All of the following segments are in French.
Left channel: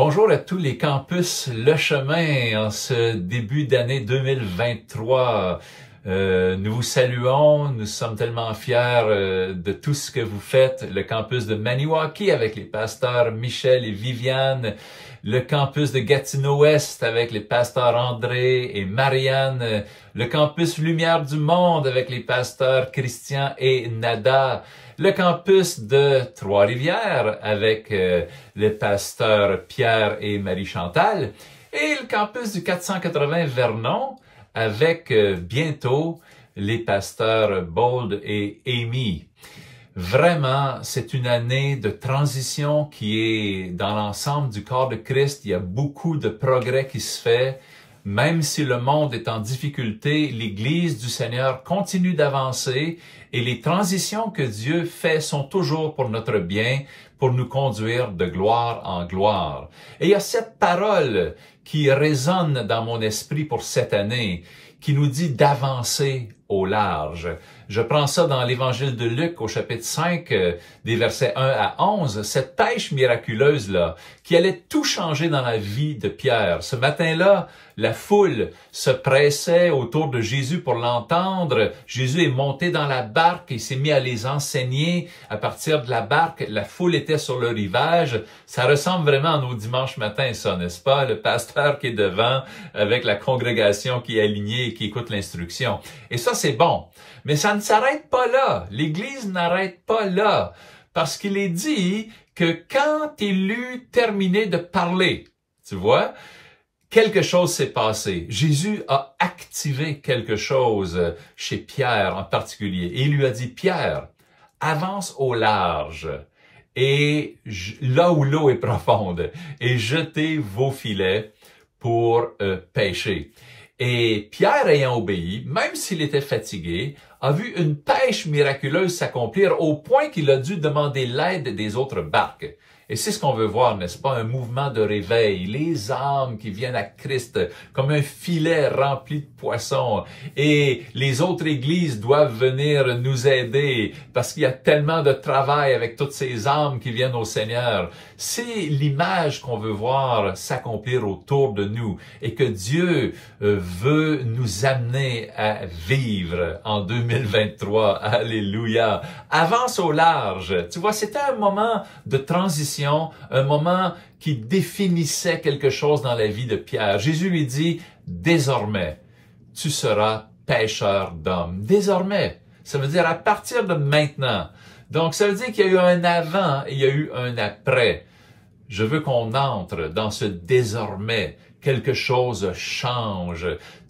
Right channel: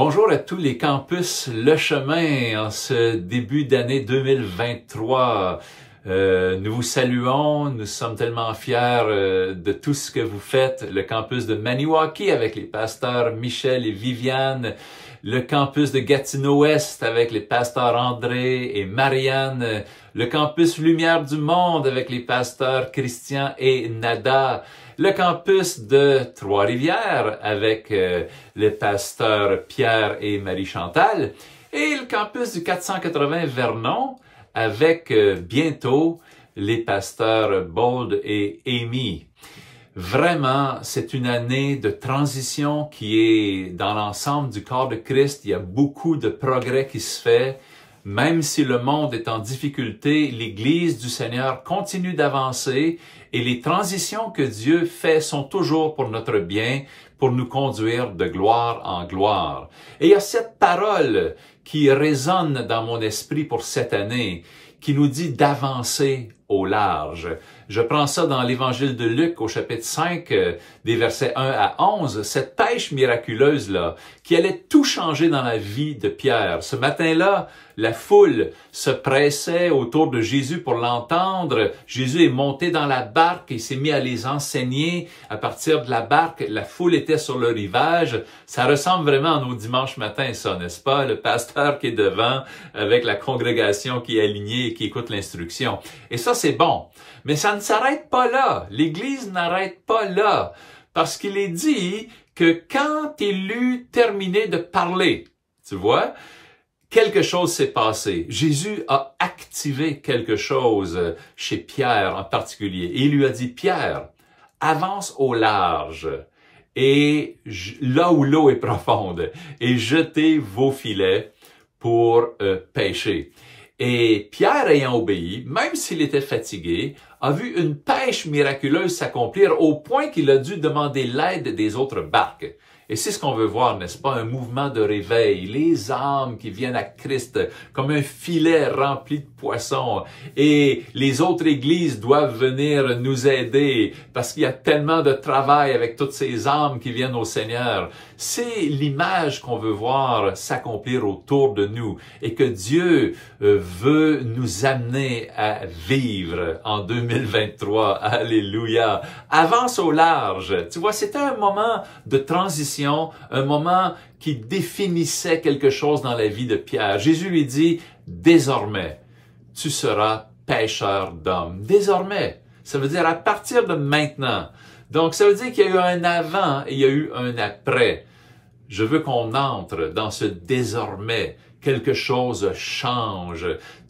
Bonjour à tous les campus Le Chemin en ce début d'année 2023. Nous vous saluons, nous sommes tellement fiers de tout ce que vous faites. Le campus de Maniwaki avec les pasteurs Michel et Viviane, le campus de Gatineau-Ouest avec les pasteurs André et Marianne, le campus Lumière du Monde avec les pasteurs Christian et Nada, le campus de Trois-Rivières avec les pasteurs Pierre et Marie-Chantal et le campus du 480 Vernon avec bientôt les pasteurs Bold et Amy. Vraiment, c'est une année de transition qui est dans l'ensemble du corps de Christ. Il y a beaucoup de progrès qui se fait. Même si le monde est en difficulté, l'Église du Seigneur continue d'avancer et les transitions que Dieu fait sont toujours pour notre bien, pour nous conduire de gloire en gloire. Et il y a cette parole qui résonne dans mon esprit pour cette année, qui nous dit d'avancer au large. Je prends ça dans l'Évangile de Luc au chapitre 5, des versets 1 à 11, cette pêche miraculeuse-là, qui allait tout changer dans la vie de Pierre. Ce matin-là, la foule se pressait autour de Jésus pour l'entendre. Jésus est monté dans la barque et s'est mis à les enseigner. À partir de la barque, la foule était sur le rivage. Ça ressemble vraiment à nos dimanches matins, ça, n'est-ce pas? Le pasteur qui est devant avec la congrégation qui est alignée et qui écoute l'instruction. Et ça, c'est bon. Mais ça ne s'arrête pas là. L'Église n'arrête pas là. Parce qu'il est dit que quand il eut terminé de parler, tu vois, quelque chose s'est passé. Jésus a activé quelque chose chez Pierre en particulier. Et il lui a dit, Pierre, avance au large et là où l'eau est profonde et jetez vos filets pour pêcher. Et Pierre ayant obéi, même s'il était fatigué, a vu une pêche miraculeuse s'accomplir au point qu'il a dû demander l'aide des autres barques. Et c'est ce qu'on veut voir, n'est-ce pas? Un mouvement de réveil, les âmes qui viennent à Christ comme un filet rempli de poissons. Et les autres églises doivent venir nous aider parce qu'il y a tellement de travail avec toutes ces âmes qui viennent au Seigneur. C'est l'image qu'on veut voir s'accomplir autour de nous et que Dieu veut nous amener à vivre en 2023. Alléluia! Avance au large. Tu vois, c'était un moment de transition, un moment qui définissait quelque chose dans la vie de Pierre. Jésus lui dit, désormais, tu seras pêcheur d'hommes. Désormais, ça veut dire à partir de maintenant. Donc, ça veut dire qu'il y a eu un avant et il y a eu un après. Je veux qu'on entre dans ce désormais. Quelque chose change.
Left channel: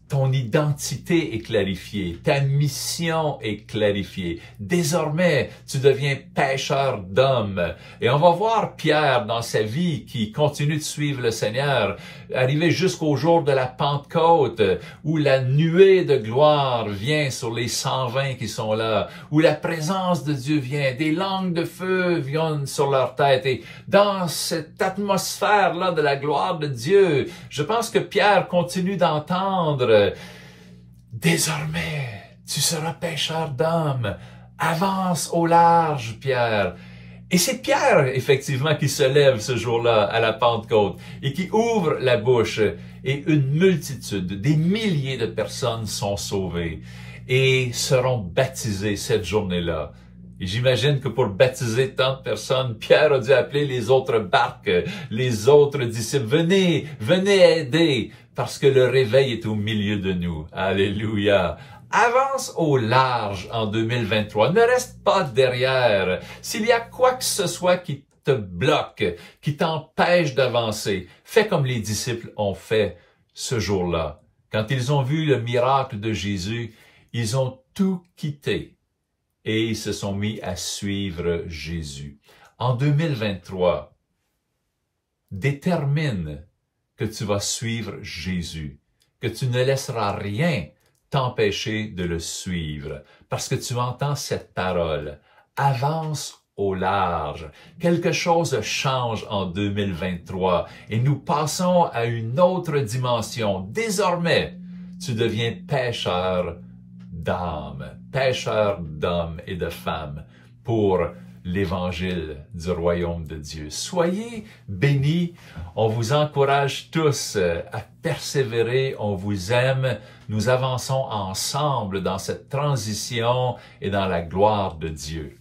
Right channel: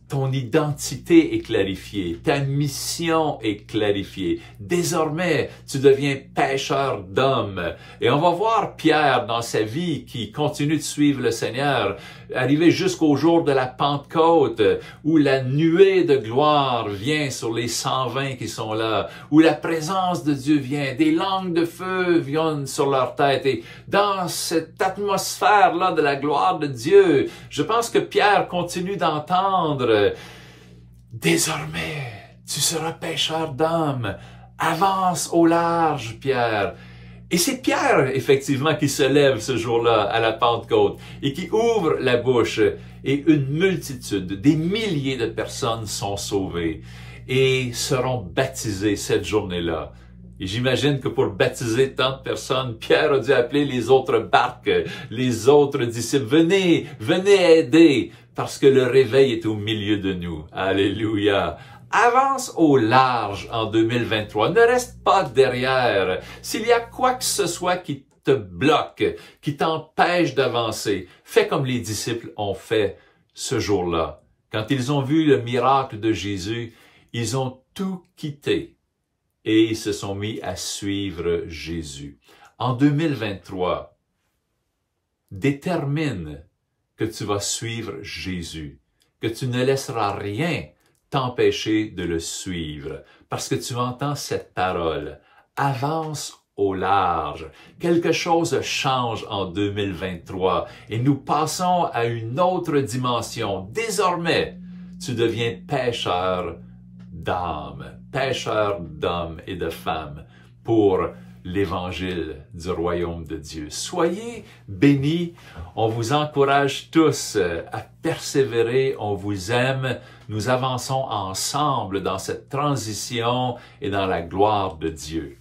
Ton identité est clarifiée, ta mission est clarifiée. Désormais, tu deviens pêcheur d'hommes. Et on va voir Pierre dans sa vie qui continue de suivre le Seigneur, arriver jusqu'au jour de la Pentecôte, où la nuée de gloire vient sur les 120 qui sont là, où la présence de Dieu vient, des langues de feu viennent sur leur tête. Et dans cette atmosphère-là de la gloire de Dieu, je pense que Pierre continue d'entendre désormais, tu seras pêcheur d'hommes. Avance au large, Pierre. Et c'est Pierre, effectivement, qui se lève ce jour-là à la Pentecôte et qui ouvre la bouche. Et une multitude, des milliers de personnes sont sauvées et seront baptisées cette journée-là. Et j'imagine que pour baptiser tant de personnes, Pierre a dû appeler les autres barques, les autres disciples. Venez, venez aider. Parce que le réveil est au milieu de nous. Alléluia. Avance au large en 2023. Ne reste pas derrière. S'il y a quoi que ce soit qui te bloque, qui t'empêche d'avancer, fais comme les disciples ont fait ce jour-là. Quand ils ont vu le miracle de Jésus, ils ont tout quitté et ils se sont mis à suivre Jésus. En 2023, détermine que tu vas suivre Jésus, que tu ne laisseras rien t'empêcher de le suivre, parce que tu entends cette parole. Avance au large. Quelque chose change en 2023 et nous passons à une autre dimension. Désormais, tu deviens pêcheur d'âmes et de femmes pour l'évangile du royaume de Dieu. Soyez bénis. On vous encourage tous à persévérer. On vous aime. Nous avançons ensemble dans cette transition et dans la gloire de Dieu.